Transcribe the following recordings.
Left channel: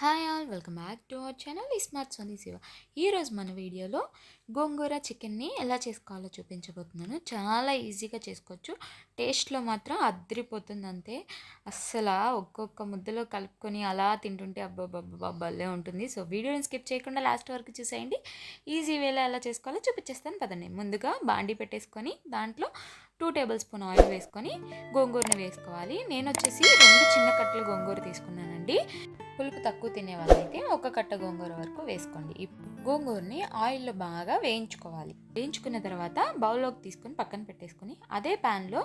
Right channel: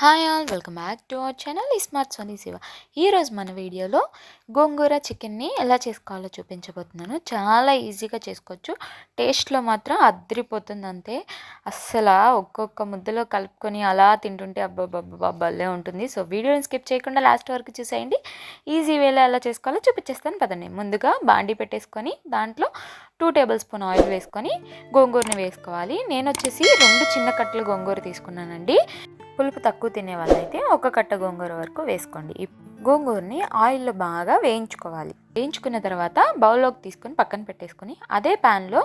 Hi all welcome back to our channel smart Soni Shiva ఈరోజు మన వీడియోలో గోంగూర చికెన్ని ఎలా చేసుకోవాలో చూపించబోతున్నాను. చాలా ఈజీగా చేసుకోవచ్చు. టేస్ట్లో మాత్రం అద్దరిపోతుంది అంతే అస్సలు ఒక్కొక్క ముద్దలో కలుపుకొని అలా తింటుంటే అబ్బాబ్బాబ్బా భలే ఉంటుంది. సో వీడియోని స్కిప్ చేయకుండా లాస్ట్ వరకు చూసేయండి. ఈజీ వేలో ఎలా చేసుకోవాలో చూపించేస్తాను. పదండి. ముందుగా బాండీ పెట్టేసుకొని దాంట్లో టూ టేబుల్ స్పూన్ ఆయిల్ వేసుకొని గోంగూరని వేసుకోవాలి. నేను వచ్చేసి రెండు చిన్న కట్టలు గోంగూర తీసుకున్నానండి. పులుపు తక్కువ తినే వాళ్ళైతే ఒక కట్ట గోంగూర వరకు వేసుకోండి. గోంగూరని ఆయిల్లో బాగా వేయించుకోవాలి. వేయించుకున్న తర్వాత బౌల్లోకి తీసుకొని పక్కన పెట్టేసుకొని అదే ప్యాన్లో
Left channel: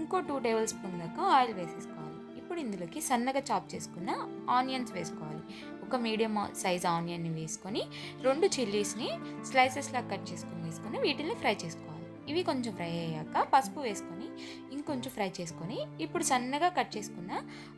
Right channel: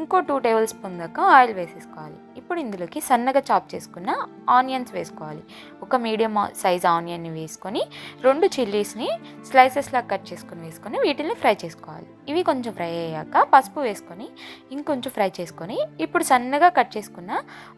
ఇంకో టూ టేబుల్ స్పూన్ దాకా ఆయిల్ వేసేసుకోవాలి. ఇప్పుడు ఇందులోకి సన్నగా చాప్ చేసుకున్న ఆనియన్స్ వేసుకోవాలి. ఒక మీడియం సైజ్ ఆనియన్ని వేసుకొని రెండు చిల్లీస్ని స్లైసెస్లా కట్ చేసుకుని వేసుకొని వీటిని ఫ్రై చేసుకోవాలి. ఇవి కొంచెం ఫ్రై అయ్యాక పసుపు వేసుకొని ఇంకొంచెం ఫ్రై చేసుకొని ఇప్పుడు సన్నగా కట్ చేసుకున్న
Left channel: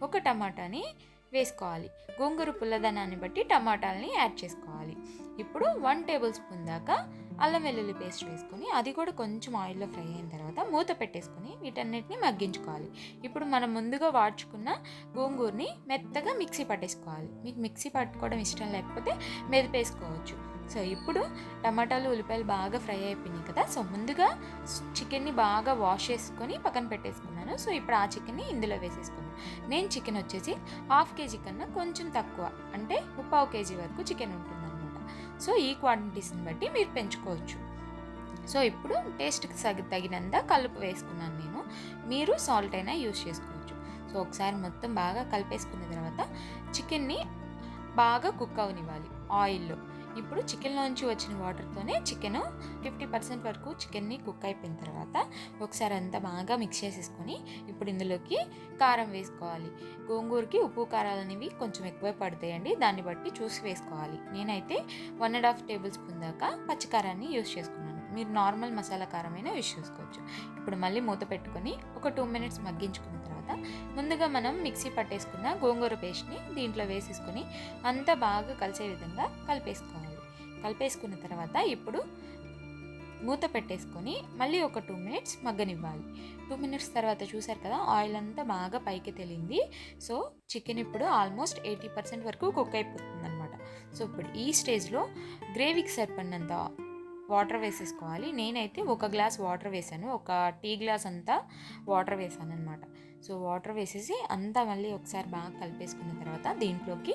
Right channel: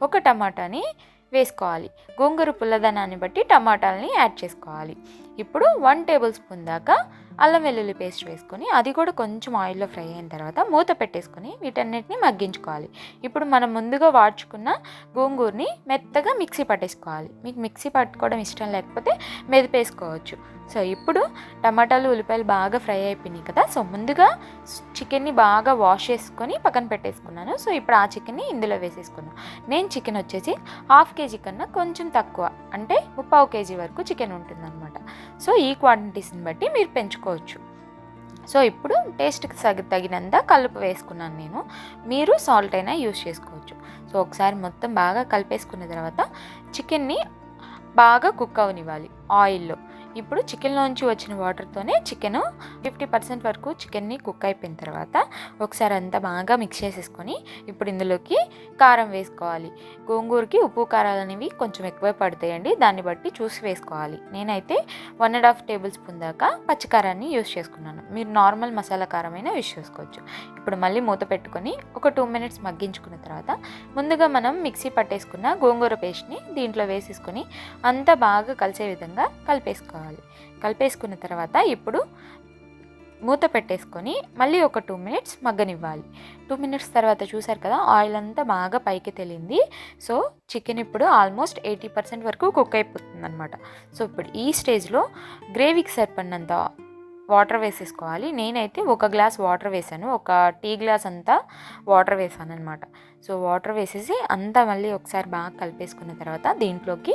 ఒక టమాటాని వేసుకోవాలి. గోంగూర పుల్లదనాన్ని బట్టి టమాటాలని యాడ్ చేసుకోవాలి. ఇప్పుడు వన్ టేబుల్ స్పూన్ దాకా అల్లం వెల్లుల్లి పేస్ట్ వేసుకొని అది కూడా కొంచెం ఆయిల్లో ఫ్రై అయిన తర్వాత మూత పెట్టేసుకొని వీటన్నిటిని మగ్గించుకోవాలి. ఇప్పుడు మనం ముందుగా వాడ్చుకున్న గోంగూరని మెత్తగా మిక్సీ పట్టేసుకోవాలి. మీకు మిక్సీ పట్టుకోవడం ఇష్టం లేకపోతే మెదిపేసుకోవచ్చు సో ఇప్పుడు టమాటాలు ఉల్లిపాయలు బాగా ఫ్రై అయిపోయినాయి కదా సో ముందుగా చికెన్ని బాగా వాష్ చేసుకొని పక్కన పెట్టేసుకున్నాను. సో ఇప్పుడు ఆ చికెన్ని ఇందులో వేసేసుకున్నాను నేను చికెన్ వచ్చేసి హాఫ్ కేజీ కన్నా కొంచెం తక్కువ అంటే ముప్పావు కేజీ వరకు చికెన్ ఉంటుందన్నమాట. సో ఈ క్వాంటిటీస్ని బట్టి మీరు పెంచుకోవచ్చు. సో ఇప్పుడు టేస్ట్కి సగ తగినంత కలుపు వేసుకున్నాను నేను. మీరు సాల్ట్ అయినా యూస్ చేసుకోవచ్చు. సో ఒకసారి మొత్తం బాగా కలిపేసుకున్న తర్వాత చికెన్ని బాగా కుక్ అవనివ్వాలి. ఆయిల్లో ఇప్పుడు చికెన్లోంచి వచ్చిన వాటర్తోనే చికెన్ ఫిఫ్టీ పర్సెంట్ వరకు చికెన్ని కుక్ అయిపోయిన తర్వాత ఒకసారి అంతా బాగా మిక్స్ చేసేసుకొని ఇప్పుడు ఇందులోకి కారం వేసుకోవాలి. గోంగూరకి ఉప్పు కారాలు అనేవి కొంచెం ఎక్కువే పడతాయండి. దాన్ని బట్టి చూసి వేసుకోవాలి. నేనైతే one and half tablespoon దాకా పచ్చికారాన్ని యూస్ చేసుకున్నాను. మీరు నార్మల్ మసాలా కారం అయినా యూస్ చేసుకోవచ్చు. ఇప్పుడు మళ్ళీ మూత పెట్టుకొని ఒక టూ మినిట్స్ మగ్గించుకున్న తర్వాత ముందుగా మనం మిక్సీ పట్టేసుకున్న గోంగూర పేస్ట్ని దీంట్లో వేసేసుకొని అంతా బాగా కలిసే విధంగా కలిపేసుకోవాలి. కలిపేసుకున్న తర్వాత ఇప్పుడు మూత పెట్టేసుకొని మళ్ళీ ఒక టూ మినిట్స్ మగ్గనివ్వాలి. టూ మినిట్స్ తర్వాత చూసారు కదా ఆయిల్ అంతా బాగా పైకి తెలింది. సో చికెన్ ఇప్పుడు ఆల్మోస్ట్ ఎయిటీ పర్సెంట్ వరకు కుక్ అయిపోతుంది అనమాట సో ఇప్పుడు ఈ స్టేజ్లో గ్రేవీకి సరిపడినంత వాటర్ వేసేసుకోవాలి. నేనైతే ఒక గ్లాస్ వాటర్ వేసాను. ఒక టీ గ్లాస్ అంతా వాటర్ వేసాను అనమాట సో వాటర్ వేసేసి అంతా మళ్ళీ ఒకసారి బాగా కలిపేసుకున్న తర్వాత దీంట్లోకి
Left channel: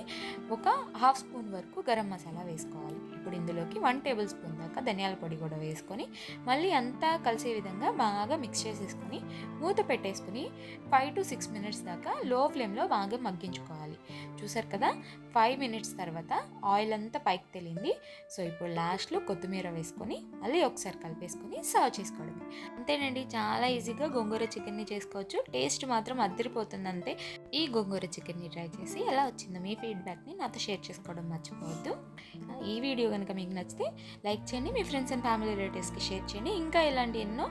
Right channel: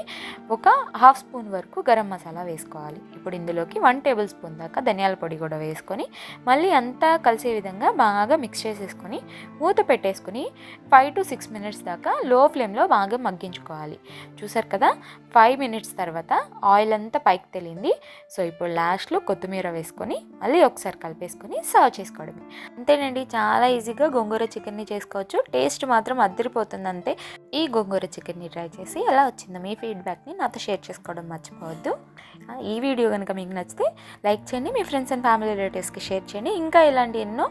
ఒక హాఫ్ స్పూన్ వరకు గరం మసాలా వేసుకోవాలి. ఇప్పుడు ఇందులోకి వన్ టేబుల్ స్పూన్ దాకా ధనియాల పొడి కూడా వేసుకొని మళ్ళీ అంతా కలిసే విధంగా బాగా మిక్స్ చేసేసుకొని మూత పెట్టేసుకొని ఫైవ్ టు సిక్స్ మినిట్స్ దాకా లో ఫ్లేమ్లో బాగా మగ్గించుకోవాలి. చూసారు కదా? ఫైవ్ మినిట్స్ తర్వాత ఆయిల్ అంతా పైకి తెలియంది సో ఇప్పుడు లాస్ట్లో కొత్తిమీర వేసుకొని మళ్ళీ ఒకసారి కలిపేసుకొని సర్వ్ చేసుకోవడమే. అంతేనండి చాలా ఈజీగా గోంగూర చికెన్ని చేసుకోవచ్చు. టేస్ట్ మాత్రం అద్దరిపోతుందంటే ఈ గోంగూర చికెన్ని ట్రై చేసి ఎలా వచ్చిందో మీ ఫీడ్బ్యాక్ని నాతో షేర్ చేసుకోవడం మర్చిపోవద్దు. ఈ వీడియో కనుక మీకు నచ్చితే లైక్ చేయండి మీ ఫ్రెండ్స్ అండ్ ఫ్యామిలీ రిలేటివ్స్కి షేర్ చేయండి. ఇంకా ఇలాంటి ఎన్నో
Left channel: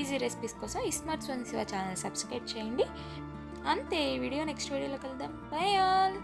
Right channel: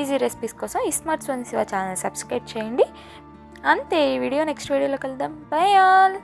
ఈజీ రెసిపీస్ కోసం ismart smart Shiva channel subscribe చేయండి. అంతే ఈ వీడియో నెక్స్ట్ వీడియోలో కలుద్దాం. By all